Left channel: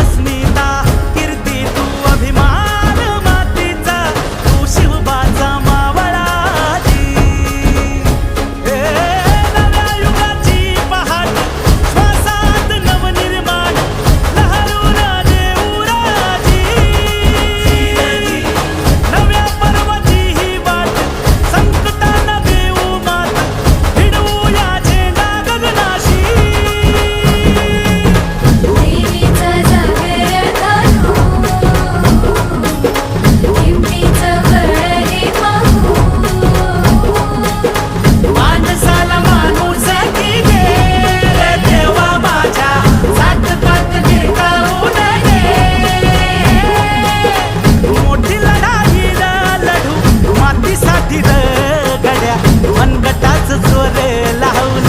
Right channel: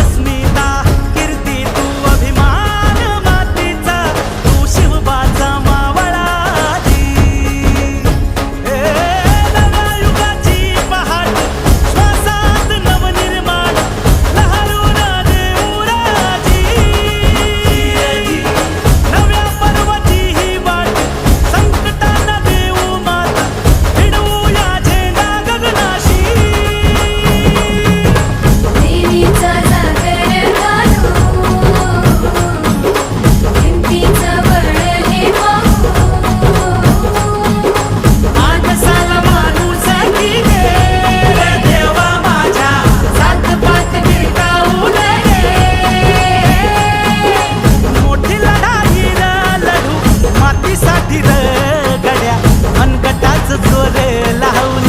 अस्मिता कीर्ती तू अभिमान मातीचा तू शिवबाचा मावळाजी नव्या युगाची पहाट श्वासात नवनिर्माण लहरून देऊ राजी नव्या पर्वाची ही वाट संकटांना देऊ मात भिडवू या झेंडा गगनाशी देवीचा जागर काढू हिमतीचं बळ हे पाहू माणसाला माणूस की दे रे देवा माझ्या सात पात गिरकावून दे मोठी लढाई र लढू मातीसाठी र गड्या मनगटाच जोर लावून